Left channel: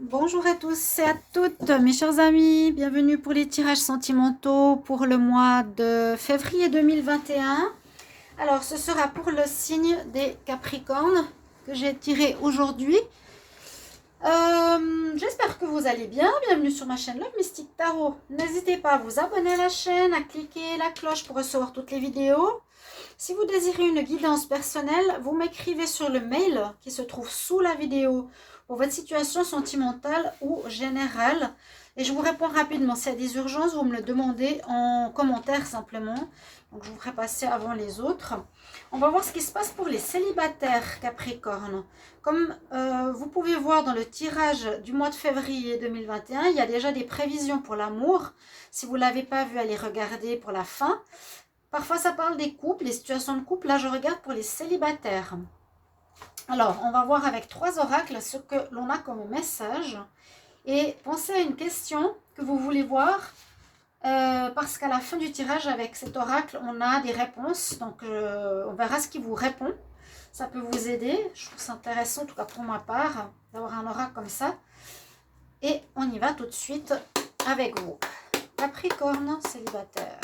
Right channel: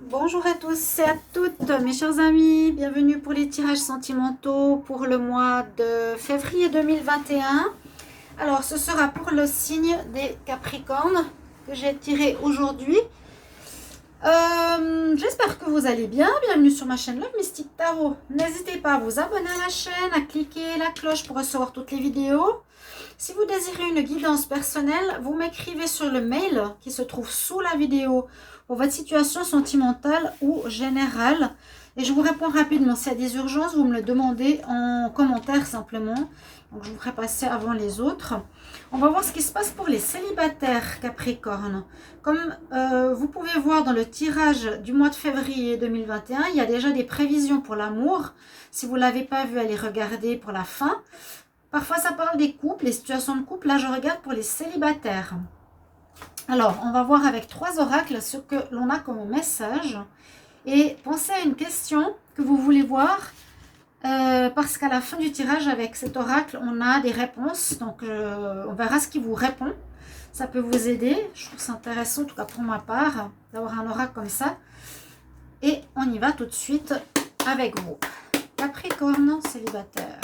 Bonjour à tous et à toutes, mes chers amis. Bienvenue pour les tirages sentimentaux pour le mois de février 2021. Alors, ce sera pour le signe des Capricornes que j'ai tiré aujourd'hui. J'espère que vous allez bien. Bienvenue sur ma chaîne Love Mystic Tarot. N'hésitez pas à vous abonner à la chaîne, à cliquer la cloche pour recevoir toutes les vidéos. Si vous désirez une guidance personnelle, vous m'écrivez sur le mail qui se trouve sous la vidéo pour votre situation sentimentale ou générale. Et je vous réponds rapidement. S'il y a des urgences, vous me le demandez en commentaire simplement. Donc je vous ferai passer avant les autres. On va voir ce qui se passe pour les célibataires Capricorne. Comme vous pouvez voir dans le tirage du mois de février 2021, il y a déjà des prévisions pour l'amour. Si vous ne l'avez pas vu, allez regarder pour la fin. Parfois, ça parle des couples, les situations de couple. Là, je regarde pour les célibataires. Alors, on va voir avec 3 oracles ce que l'on a comme message. Et pensez à une question que vous voulez voir. Parce qu'à la fin du tirage, avec cet oracle, on a des réponses. Donc, on verra ce qui vous répond. Ça peut vous aider. Je trouve ça intéressant, en tout cas pour ma part, d'avoir un oracle comme ça. Et on y va tout de suite avec vous. Capricorne, célibataire.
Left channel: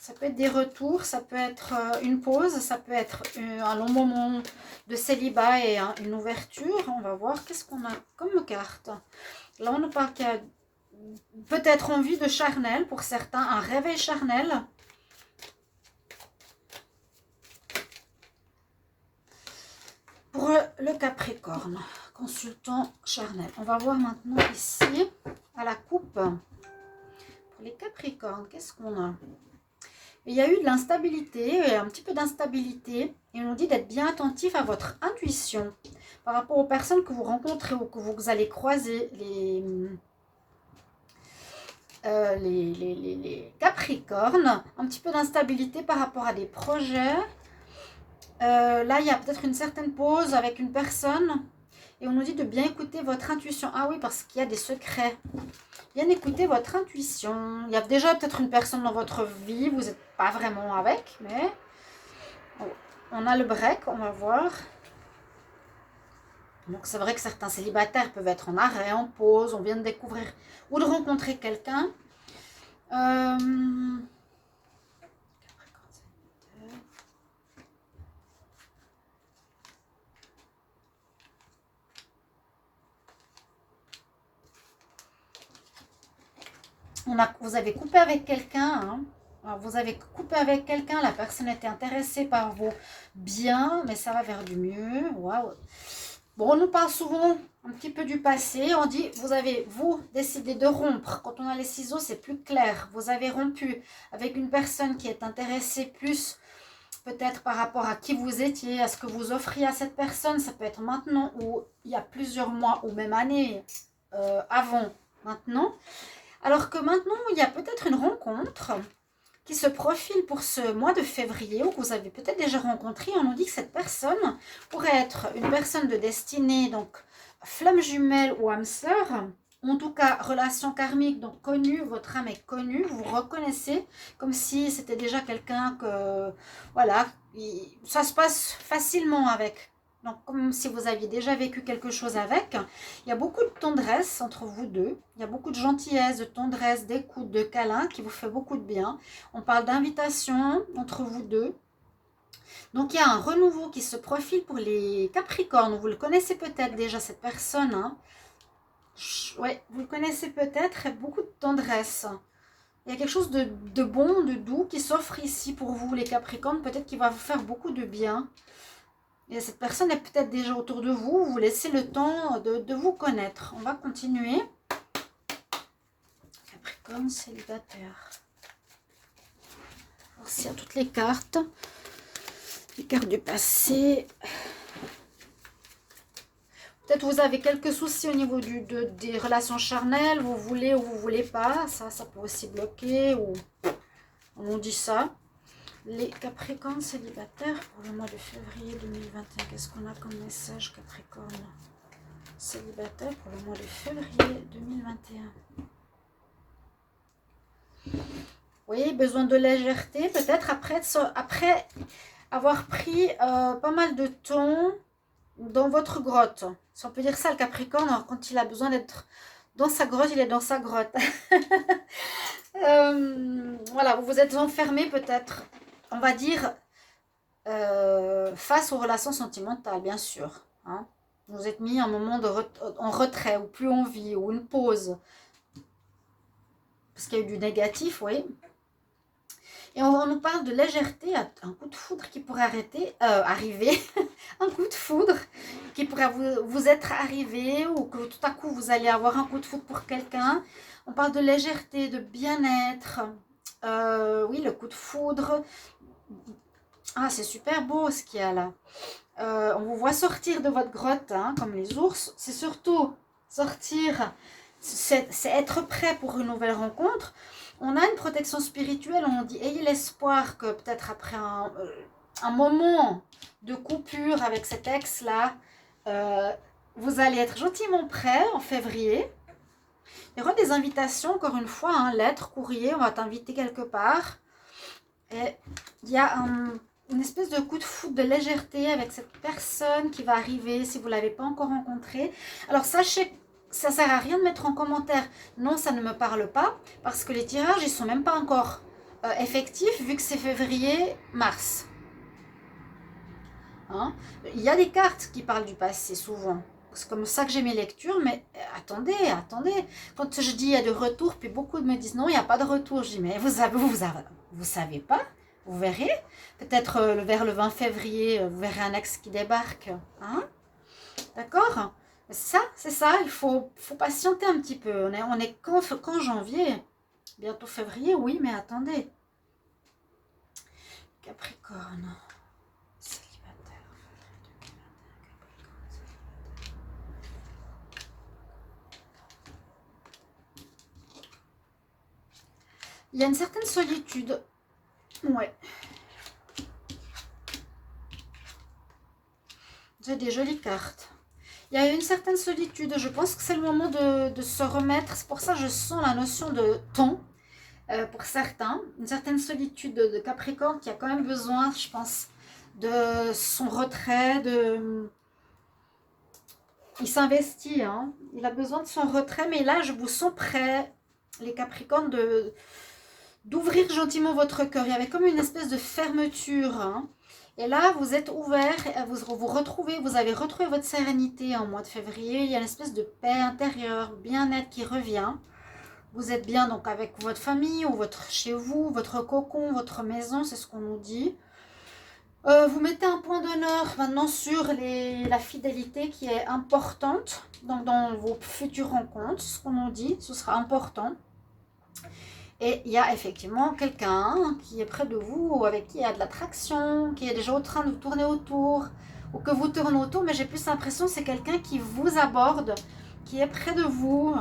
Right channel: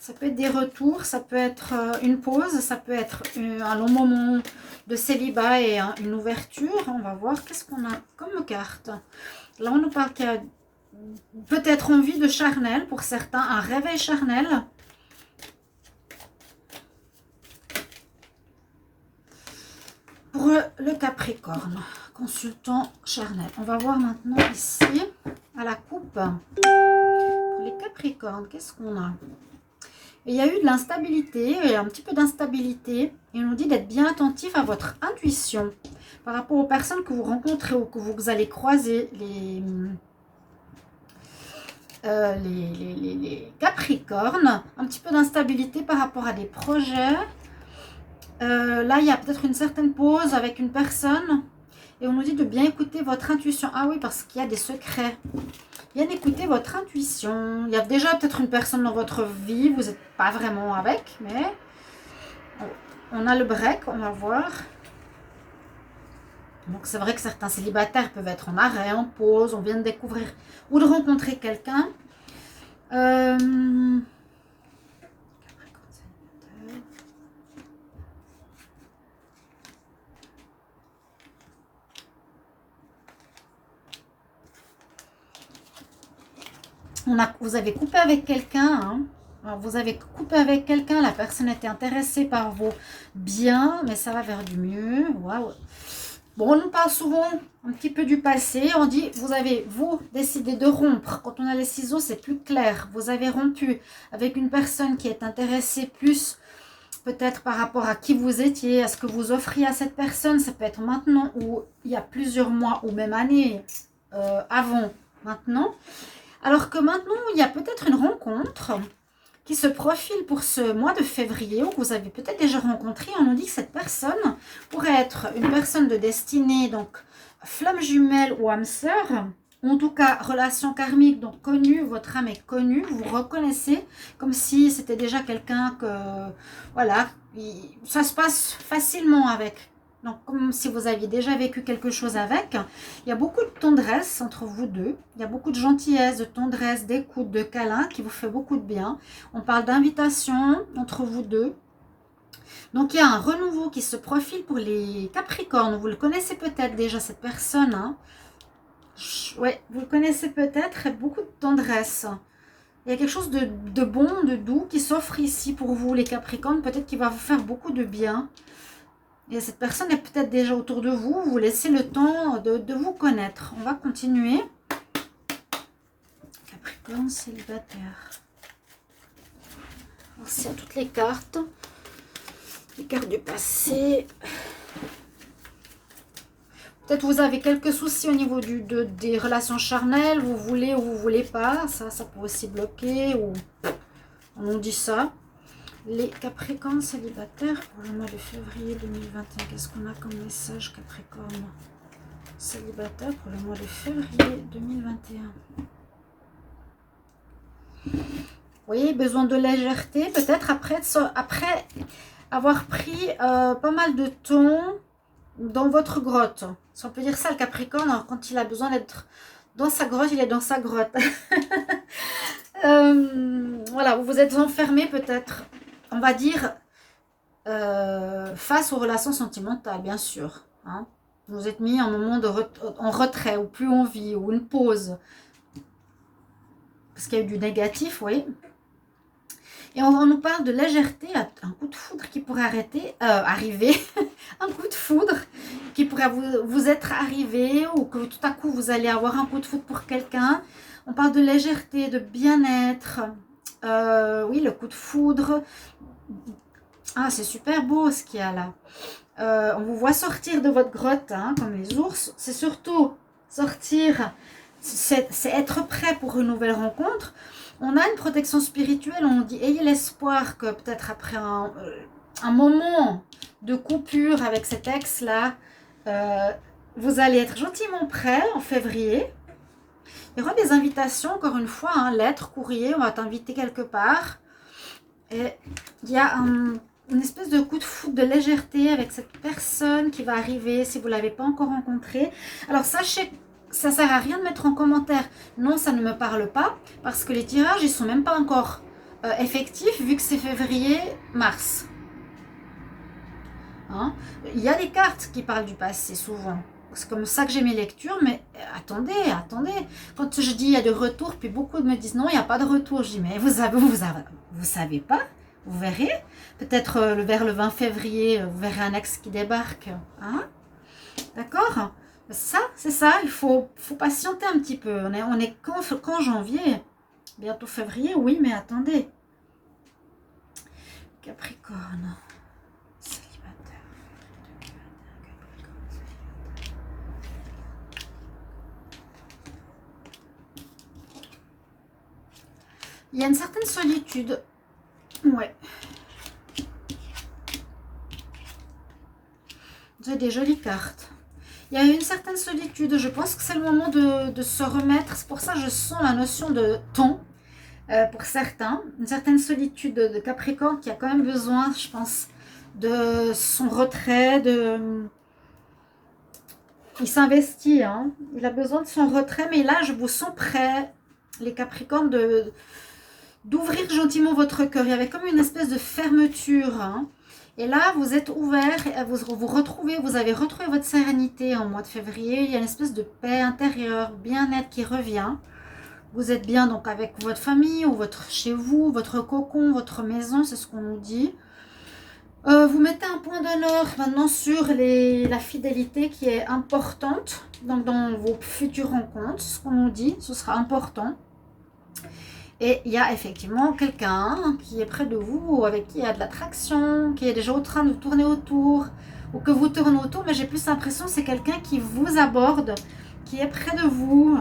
Ça peut être des retours, ça peut être une pause, ça peut être un long moment de célibat et une ouverture. On va voir qu'est-ce qu'on a comme carte. Là, on nous parle qu'il y a peut-être envie de charnel pour certains, un réveil charnel. Pour le Capricorne, consultant charnel. On va voir maintenant ici, à la coupe. Pour les Capricornes, qu'est-ce qu'on a ? Il y a eu de l'instabilité, un petit peu d'instabilité. Et on nous dit d'être bien attentif à votre intuition par rapport aux personnes que vous rencontrez ou que vous allez croiser. Les Capricornes, un petit peu d'instabilité par rapport à des projets. Là, il y a peut-être une certaine pause avec une personne. Et on nous dit de bien écouter votre intuition. Ah oui, parce qu'il y a des secrets. Bien écouter votre intuition. Il y a déjà peut-être une personne dans votre vie, vous n'êtes pas vraiment avec, mais on a le break, on va voir. Donc c'est vrai que certains célibataires peuvent être en arrêt, en pause, on vient de découvrir ou de rencontrer quelqu'un. Vous avez coupé avec quelqu'un, hein. Alors, vous avez coupé avec quelqu'un, la personne était intéressée par vos biens, mais ça va vers du mieux. Waouh. Bon, on nous parle souvent un petit peu du passé. On dit, vous décidé de rompre. Quand on a les ciseaux, c'est plus clair. Vous avez rompu avec une personne qui est intéressée plus peut-être par rapport à qui vous étiez, à ce que vous offriez à cette personne. Ça peut être maintenant ou il y a plusieurs mois ou même années avant maintenant. Alors que maintenant, il y a peut-être une rencontre qui se profile pour ce mois de février ou que vous avez peut-être déjà rencontré. On nous dit que cette personne pourrait être une personne de destinée, donc flamme jumelle ou âme sœur, ou en tout cas relation karmique, donc connue, votre âme est connue, vous vous reconnaissez comme si c'était déjà quelqu'un que, voilà, ça se passe facilement avec. Donc, comme si vous aviez déjà vécu quelque chose avec, il y a beaucoup de tendresse entre vous deux. Il y a beaucoup de gentillesse, de tendresse, d'écoute, de câlin qui vous fait beaucoup de bien. On parle d'invitation entre vous deux. Donc, il y a un renouveau qui se profile pour les Capricornes. Vous le connaissez peut-être déjà, cette personne. Hein. Oui, vous le connaissez peut-être. Et beaucoup de tendresse. Il y a quelque chose de bon, de doux qui s'offre ici pour vous, les Capricornes. Peut-être qu'il va vous faire beaucoup de bien. Et cette personne est peut-être déjà autour de vous. Vous laissez le temps de vous connaître. On va continuer. Capricorne célibataire. Voici à toutes les cartes. Les cartes du passé. Peut-être vous avez quelques soucis au niveau des relations charnelles. Vous voulez ou vous voulez pas. Ça peut aussi bloquer. Ou on nous dit ça. Les Capricornes célibataires pour le mois de février 2021. Qu'est-ce qu'on a comme message, Capricorne célibataire pour le mois de février 2021? Oui, besoin de légèreté, peut-être après avoir pris pas mal de temps dans votre grotte. Si on peut dire ça, le Capricorne, alors quand il a besoin d'être dans sa grotte, il est dans sa grotte. Voilà, vous vous êtes enfermé peut-être, on va dire, face aux relations sentimentales, bien sûr. Hein. Vous êtes mis un moment en retrait, ou plus envie, ou une pause. Parce qu'il y a eu du négatif, oui. Et on nous parle de légèreté, un coup de foudre qui pourrait arriver, un coup de foudre qui pourrait vous être arrivé, ou que tout à coup vous allez avoir un coup de foudre pour quelqu'un. On parle de légèreté, de bien-être, oui, le coup de foudre. Ah, c'est super beau ce qu'il y a là. On vous voit sortir de votre grotte, hein, comme les ours. C'est surtout sortir, c'est être prêt pour une nouvelle rencontre. On a une protection spirituelle, on dit ayez l'espoir que peut-être après un moment de coupure avec cet ex-là, vous allez être gentiment prêt en février. Il y aura des invitations, encore une fois, hein, lettres, courrier, on va t'inviter quelque part. Et il y a une espèce de coup de foudre, de légèreté avec cette personne qui va arriver si vous ne l'avez pas encore rencontrée. Alors sachez que ça ne sert à rien de mettre en commentaire non, ça ne me parle pas, parce que les tirages ils sont même pas encore effectifs vu que c'est février-mars. Hein, il y a des cartes qui parlent du passé souvent. C'est comme ça que j'ai mes lectures, mais attendez. Quand je dis il y a de retour, puis beaucoup me disent non, il n'y a pas de retour. Je dis mais vous savez pas, vous verrez. Peut-être vers le 20 février, vous verrez un ex qui débarque. Hein, d'accord? Ça, c'est ça, il faut patienter un petit peu. On est quand janvier? Bientôt février, oui, mais attendez. Capricorne. Célibataire. Il y a une certaine solitude. Ouais. J'ai des jolies cartes. Il y a une certaine solitude. Je pense que c'est le moment de se remettre. C'est pour ça que je sens la notion de temps. Pour certains, une certaine solitude de Capricorne qui a quand même besoin, je pense, de son retrait, il s'investit, hein. Il a besoin de son retrait, mais là, je vous sens prêt, les Capricornes, d'ouvrir gentiment votre cœur. Il y avait comme une espèce de fermeture, hein. Et là, vous êtes ouvert, vous retrouvez, vous avez retrouvé votre sérénité en mois de février. Il y a une espèce de paix intérieure, bien-être qui revient. Vous êtes bien donc avec votre famille ou chez vous, votre cocon, votre maison, c'est ce qu'on nous dit. Vous mettez un point d'honneur maintenant sur la fidélité qui est importante. Donc dans vos futures rencontres, ce qu'on nous dit, ce sera important. Et il y a effectivement quelqu'un qui est près de vous, ou avec qui il y a de l'attraction, qui est déjà en train de tourner autour, ou que vous tournez autour, mais j'ai plus l'impression que c'est quelqu'un qui vous aborde, qui est près de vous.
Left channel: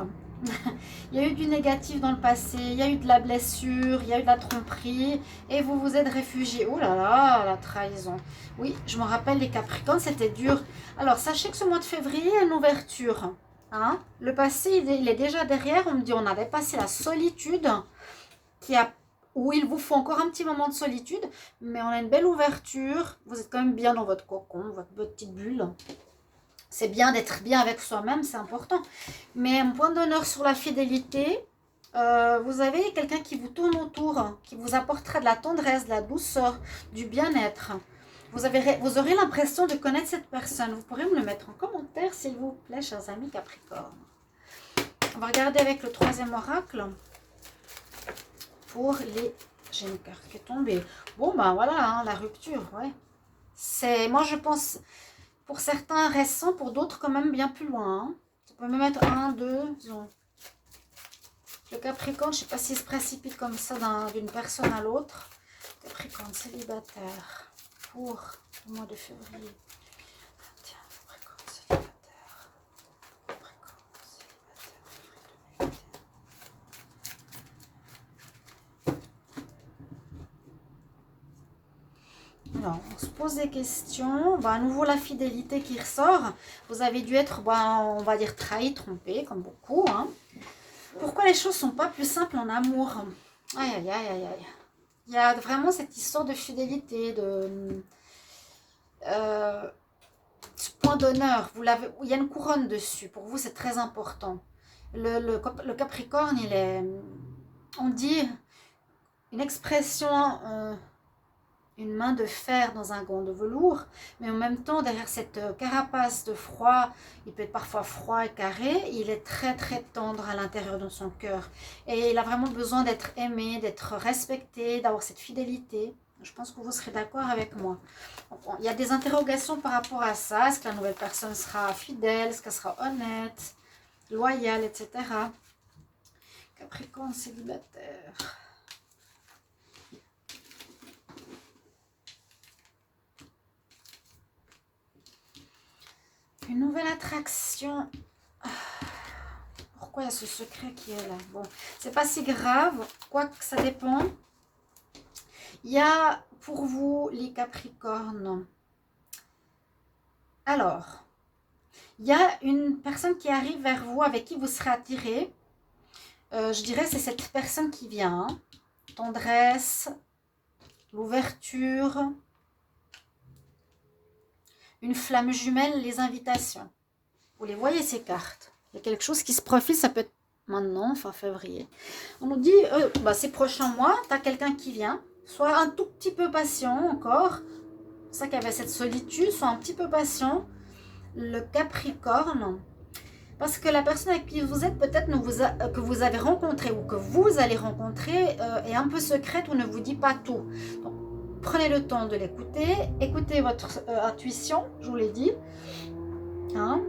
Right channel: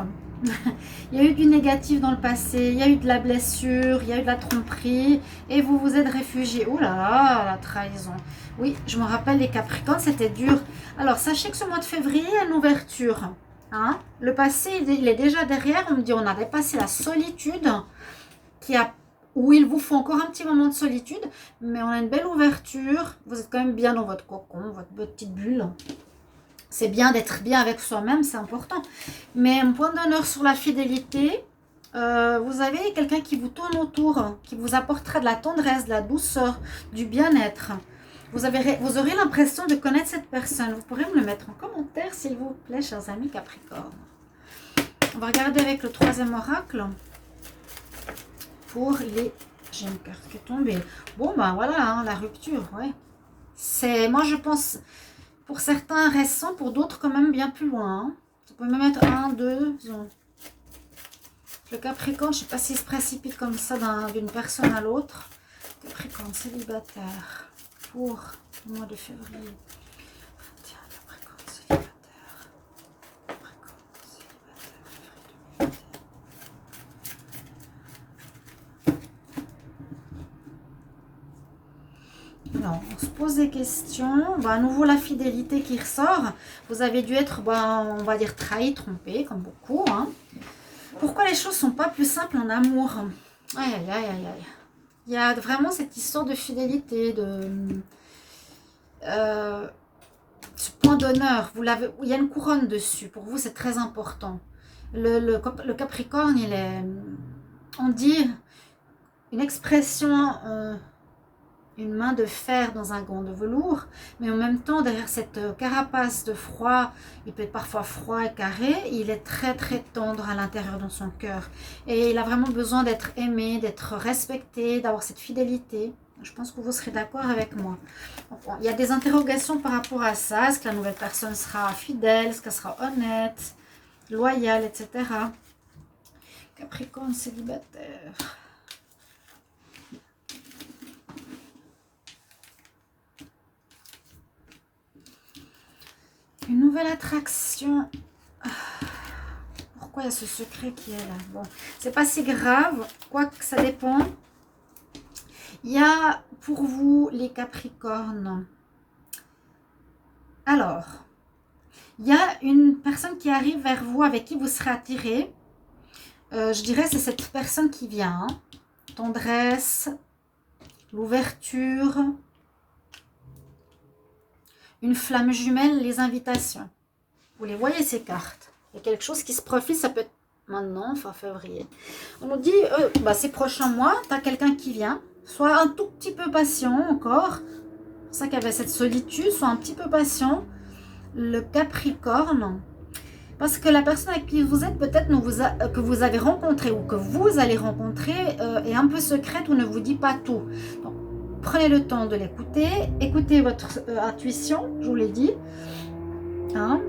Il y a eu du négatif dans le passé, il y a eu de la blessure, il y a eu de la tromperie, et vous vous êtes réfugié. Oh là là, la trahison. Oui, je me rappelle les Capricornes, c'était dur. Alors, sachez que ce mois de février, il y a une ouverture. Hein, le passé, il est déjà derrière. On me dit, on a dépassé la solitude, où il vous faut encore un petit moment de solitude, mais on a une belle ouverture. Vous êtes quand même bien dans votre cocon, votre petite bulle. C'est bien d'être bien avec soi-même, c'est important. Mais un point d'honneur sur la fidélité, vous avez quelqu'un qui vous tourne autour, qui vous apportera de la tendresse, de la douceur, du bien-être. Vous aurez l'impression de connaître cette personne. Vous pourrez me le mettre en commentaire, s'il vous plaît, chers amis Capricorne. On va regarder avec le troisième oracle. Pour les... J'ai une carte qui est tombée. Bon, ben voilà, hein, la rupture, ouais. C'est, moi, je pense... Pour certains récents, pour d'autres quand même bien plus loin. Hein. On peut même mettre 1, 2, disons. Le Capricorne, je ne sais pas s'il se précipite comme ça d'une personne à l'autre. Capricorne célibataire pour le mois de février. Tiens, Capricorne célibataire. Capricorne célibataire, février 2021. Alors, on se pose des questions. À nouveau, la fidélité qui ressort. Vous avez dû être, on va dire, trahi, trompé, comme beaucoup. Hein. Pourquoi les choses sont pas plus simples en amour? Aïe, aïe, aïe, aïe, aïe. Il y a vraiment cette histoire de fidélité, de ce point d'honneur. Il y a une couronne dessus. Pour vous, c'est très important. Le Capricorne, il est, on dit, une expression, une main de fer dans un gant de velours, mais en même temps, derrière cette carapace de froid, il peut être parfois froid et carré, il est très très tendre à l'intérieur de son cœur. Et il a vraiment besoin d'être aimé, d'être respecté, d'avoir cette fidélité. Je pense que vous serez d'accord avec moi. Il y a des interrogations par rapport à ça. Est-ce que la nouvelle personne sera fidèle? Est-ce qu'elle sera honnête, loyale, etc. Capricorne célibataire. Une nouvelle attraction. Pourquoi il y a ce secret qui est là? Bon, c'est pas si grave, quoique ça dépend. Il y a pour vous les Capricornes. Alors, il y a une personne qui arrive vers vous, avec qui vous serez attiré. Je dirais c'est cette personne qui vient. Hein. Tendresse, l'ouverture, une flamme jumelle, les invitations. Vous les voyez ces cartes. Il y a quelque chose qui se profile, ça peut être maintenant, fin février. On nous dit, ces prochains mois, tu as quelqu'un qui vient. Sois un tout petit peu patient encore. C'est ça qu'il y avait cette solitude. Sois un petit peu patient. Le Capricorne. Parce que la personne avec qui vous êtes, peut-être que vous avez rencontré ou que vous allez rencontrer, est un peu secrète ou ne vous dit pas tout. Donc, prenez le temps de l'écouter. Écoutez votre intuition, je vous l'ai dit. Hein?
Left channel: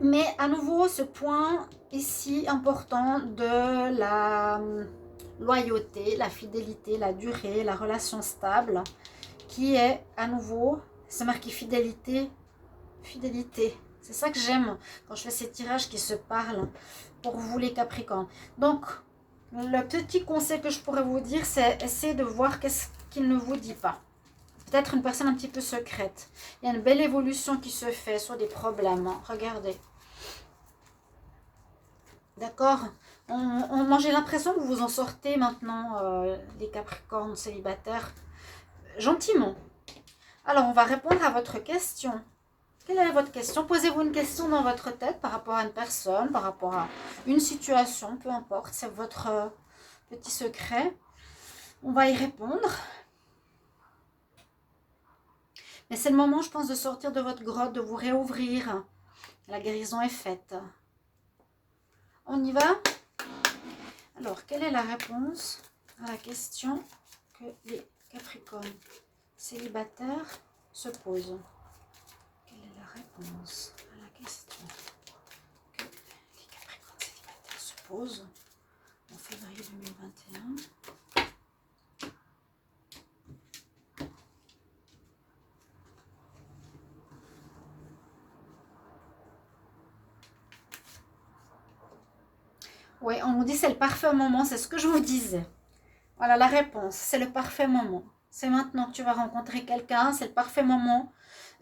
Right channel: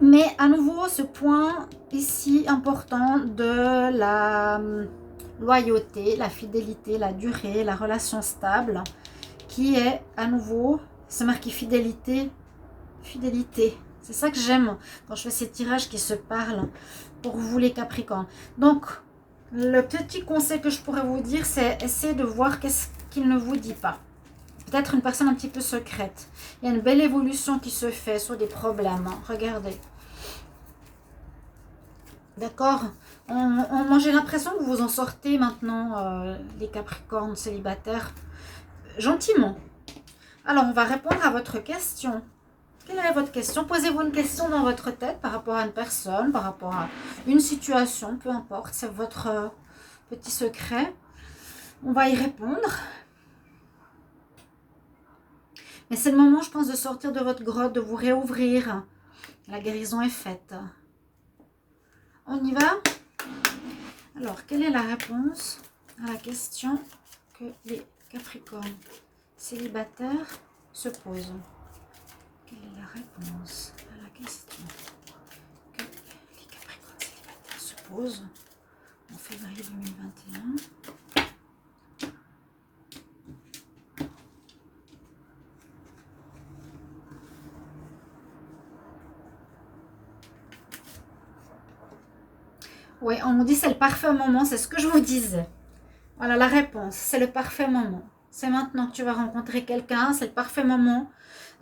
Mais à nouveau, ce point ici important de la loyauté, la fidélité, la durée, la relation stable, qui est à nouveau, c'est marqué fidélité, fidélité. C'est ça que j'aime quand je fais ces tirages qui se parlent pour vous les Capricornes. Donc, le petit conseil que je pourrais vous dire, c'est essayer de voir qu'est-ce qu'il ne vous dit pas. Peut-être une personne un petit peu secrète. Il y a une belle évolution qui se fait sur des problèmes. Hein. Regardez. D'accord. Moi, j'ai l'impression que vous en sortez maintenant, les Capricornes célibataires, gentiment. Alors, on va répondre à votre question. Quelle est votre question? Posez-vous une question dans votre tête par rapport à une personne, par rapport à une situation, peu importe. C'est votre petit secret. On va y répondre. Mais c'est le moment, je pense, de sortir de votre grotte, de vous réouvrir. La guérison est faite. On y va? Alors, quelle est la réponse à la question que les Capricornes célibataires se posent? Quelle est la réponse à la question que les Capricornes célibataires se posent en février 2021? Oui, on nous dit c'est le parfait moment, c'est ce que je vous disais. Voilà la réponse, c'est le parfait moment. C'est maintenant que tu vas rencontrer quelqu'un, c'est le parfait moment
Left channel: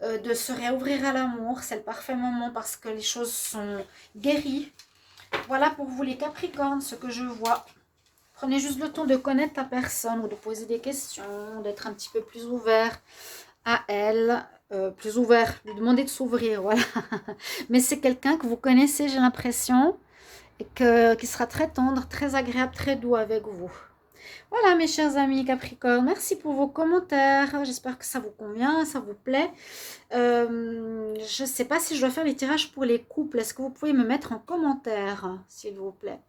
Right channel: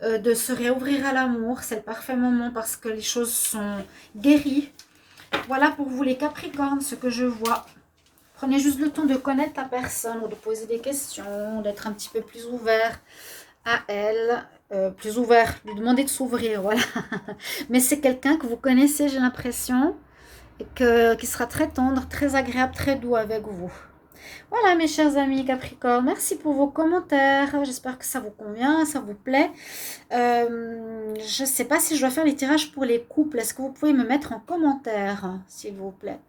de se réouvrir à l'amour. C'est le parfait moment parce que les choses sont guéries. Voilà pour vous les Capricornes, ce que je vois. Prenez juste le temps de connaître ta personne ou de poser des questions, d'être un petit peu plus ouvert à elle. Plus ouvert, lui demander de s'ouvrir, voilà. Mais c'est quelqu'un que vous connaissez, j'ai l'impression. Et qui sera très tendre, très agréable, très doux avec vous. Voilà mes chers amis Capricorne, merci pour vos commentaires. J'espère que ça vous convient, ça vous plaît. Je ne sais pas si je dois faire les tirages pour les couples. Est-ce que vous pouvez me mettre en commentaire, s'il vous plaît?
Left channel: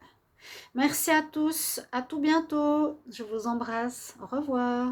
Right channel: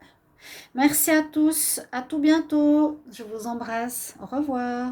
Merci à tous, à tout bientôt. Je vous embrasse. Au revoir.